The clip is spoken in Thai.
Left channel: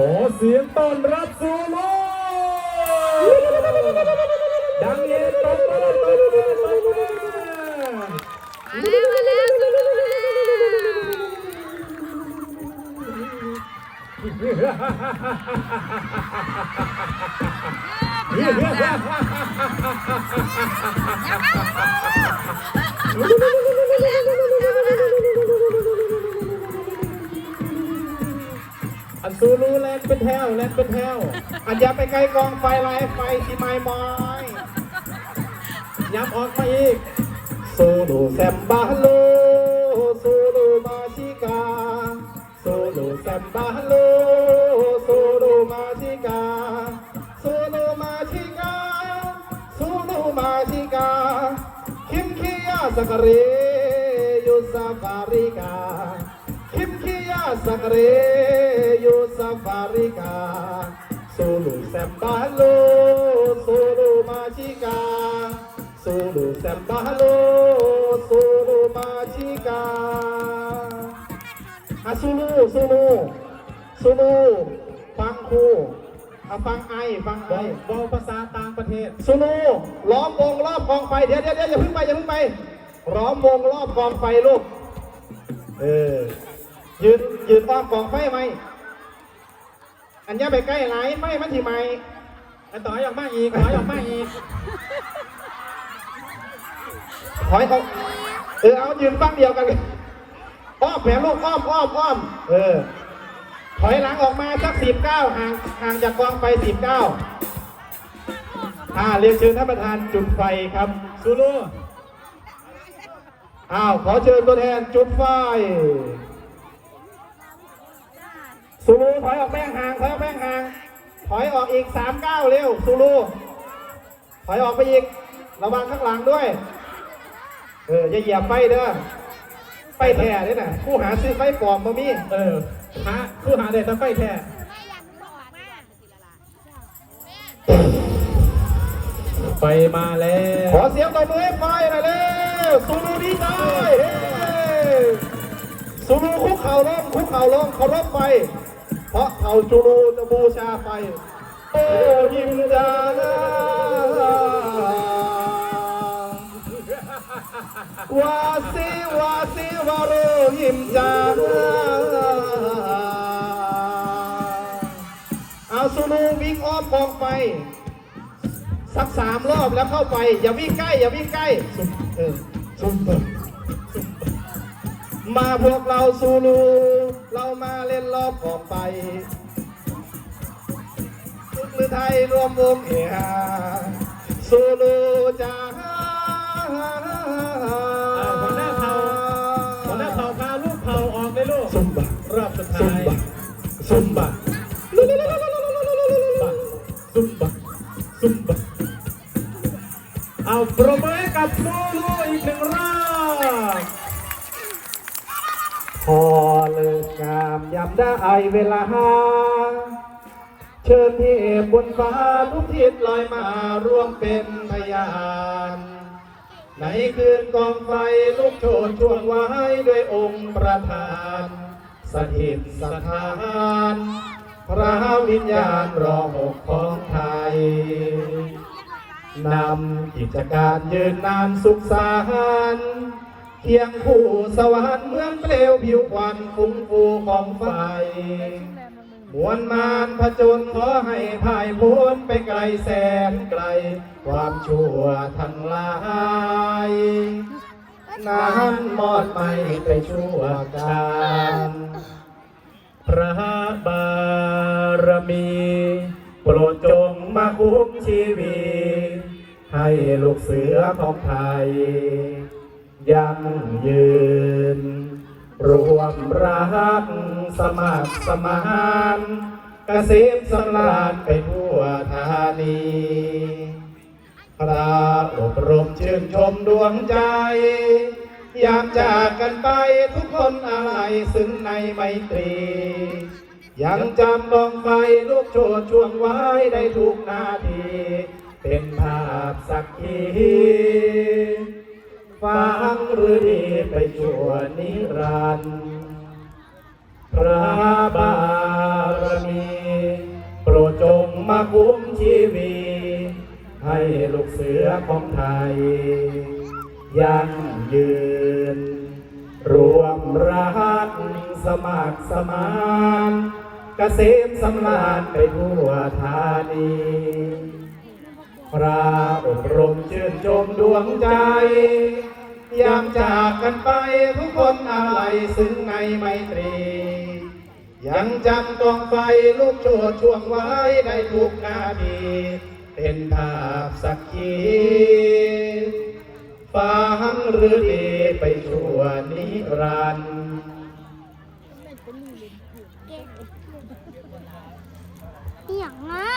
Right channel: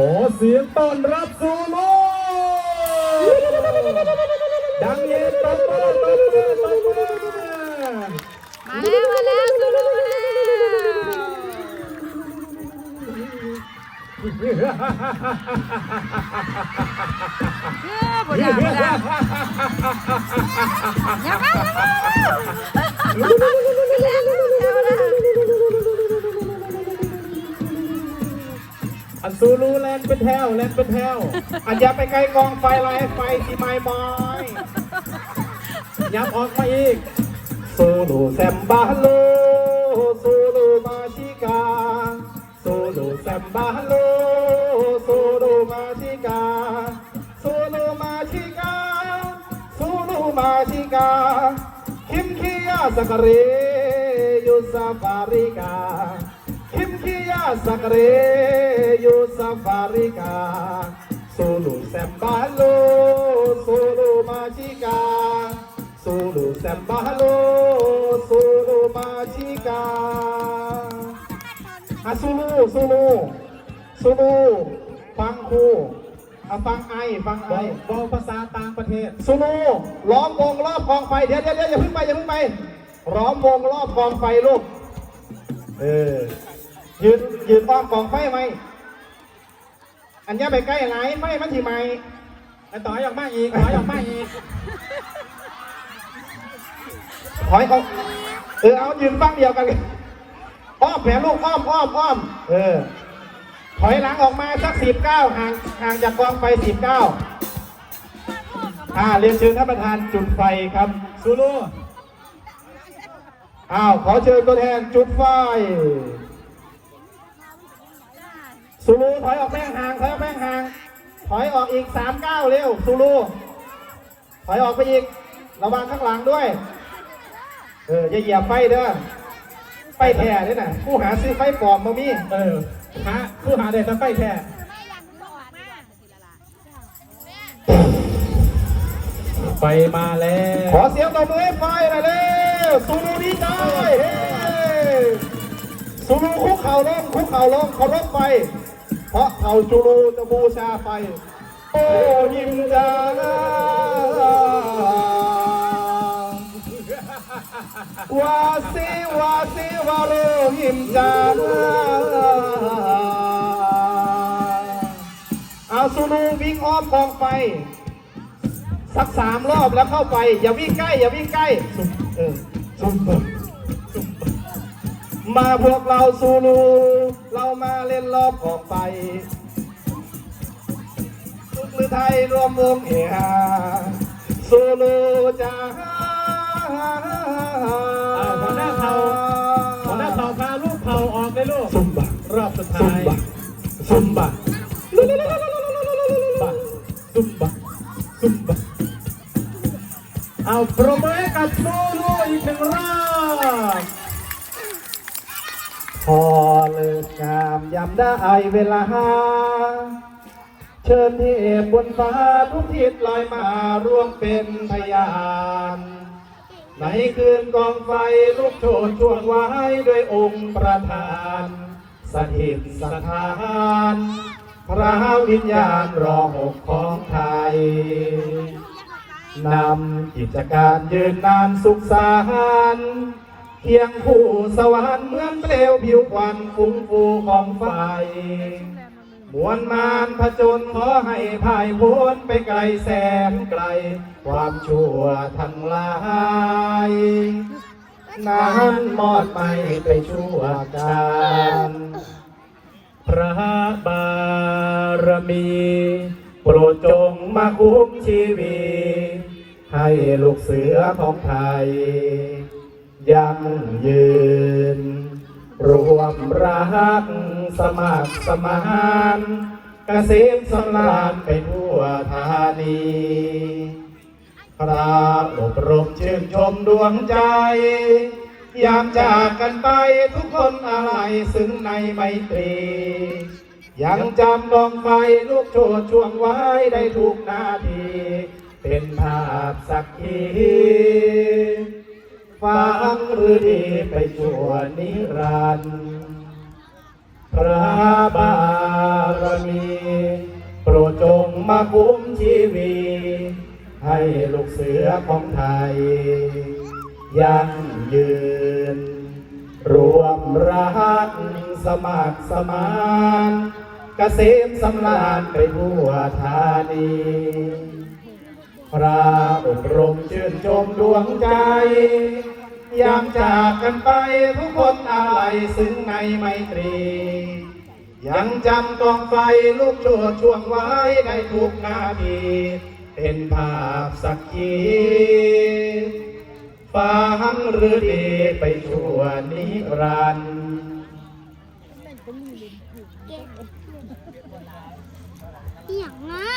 ขอเสียงต้อนรับซูโม่ดังเย็นตบมือตบมือตบมือมาแล้วมาแล้วซูโม่มาแล้วเออบุดาบุดาอย่า ไปไกลกองไฟไล่ไฟที่ไม่มอยอย่าออกมาอีกซูรูแซมบาโลซูรูมาชิกาซูรูแซมบาโลซูรูมาชิกาซูรูมาชิกาซูรูมาชิกาคิมคิยาสักเรยุซาฟาริกา Kim Kia Sakre Yo Sulu Sembalo Sulu Majika อะซูลูซูลูซูลูฟังครูอ่ฟังไอฟังไอบอกภาษาต่างประเทศซูลูล้อมวงรอบกองไฟเดี๋ยวเดี๋ยวเดี๋ยวอย่าเพิ่งไปอย่าเพิ่งไปล้อมวงรอบกองไฟลูกเออยืนยืนอ้อมกองไฟไหมอันนี้ไปใกล้ไหลไฟมันทีไหมอันต่อยออกมาอีกถอยออกมาอีก ถอยออกเออเอายืนฟังเดียวกันอ้อมแผลลูกอ้อมอ้อมอ้อมเออถอยหลังออกมาสักสิบเก้าห่างห่างจากกองไฟสิบเก้าอ่าเรียนเชิญท่านประธานจุดไฟครับซูโร่อ้าวขอเชิญตัวแทนจุดไฟซูรูถอยออกแม่งห่างถอยออกแม่งห่างถอยออกอีกสามเก้าเร็วซูรูถอยออกไปอีกระวังข้างหลังด้วย เอออย่าเหยียบไฟเด้อไฟแท้นี่น่ะผู้หาซื้อไฟปลอมมามีเออหาผู้หาเด็ดจะไฟแท้ไฟมาแล้วขอเสียงตบมือให้ไฟหน่อยเร็วซูรูดีใจเฮ้ซูรูคุกเข่าลงคุกเข่าลงเขาลงไปเพราะเขาจูรูจะบูชาไปโอ้ยิมจานะ มจานะอาซูรูวิ่งอ้อมกองไฟสักสามรอบแล้วเข้าไป อย่าวิ่งใกล้ อย่าวิ่งใกล้เออซุ่มมาพวกเราซูรูเรามาเล่นรอบออกไปมือไทยรวมวงเอฮาซูรูจ้า เอาปรบมือกับโซโล่อีกหนึ่งรอบพอเลิกงามยามได้เวลา เชิญเทพบนฟ้าทุกทิศลอยมาร่วมเป็นพยานในคืนกองไฟลุกโชนช่วงไว้ด้วยองค์ประธานสถิตสถานพระวิญญาณรองอกของไทย นำกิจการยืนนานสุขสานเคียงคู่สวรรค์เมืองเปลวผิวควันคุ้มฟูของไฟมวลมารผจญขอให้พ่ายพ้นไปไกลแสนไกล ความชั่วทั้งหลายนั้นมอดไม่ไปชั่วการพระบารมี โปรดจงมาคุ้มชี ลูกเสือของไทย ยังยืน รวมรักสมัครสมานเกษมสำราญไปทั่วธานีพระอบรมชื่นชมดวงใจอยากจากกันไปทุกคนอะไรซึ่งในไมตรี ยังจำดองไฟลูกโชดช่วงไว้ได้ทุกนาที เป็น ทีฟังหรือดีไปชวนนิรันดรพระบารมีโปรดจงมาคุ้มชีวีให้ลูกเสือของไทย ยั่งยืน รวมรักสมัครสมานกเกษมสำรานไปทั่วธานี พระอบรมชื่นชมดวงใจ ยามจากกันไปทุกคนอะไรซึ้งในไมตรี ยังจำกองไฟลุกโชดช่วงไว้ในทุกนาที เป็นภาพสักขีฟังหรือดีไปชั่วนิรันดร์อย่างนะ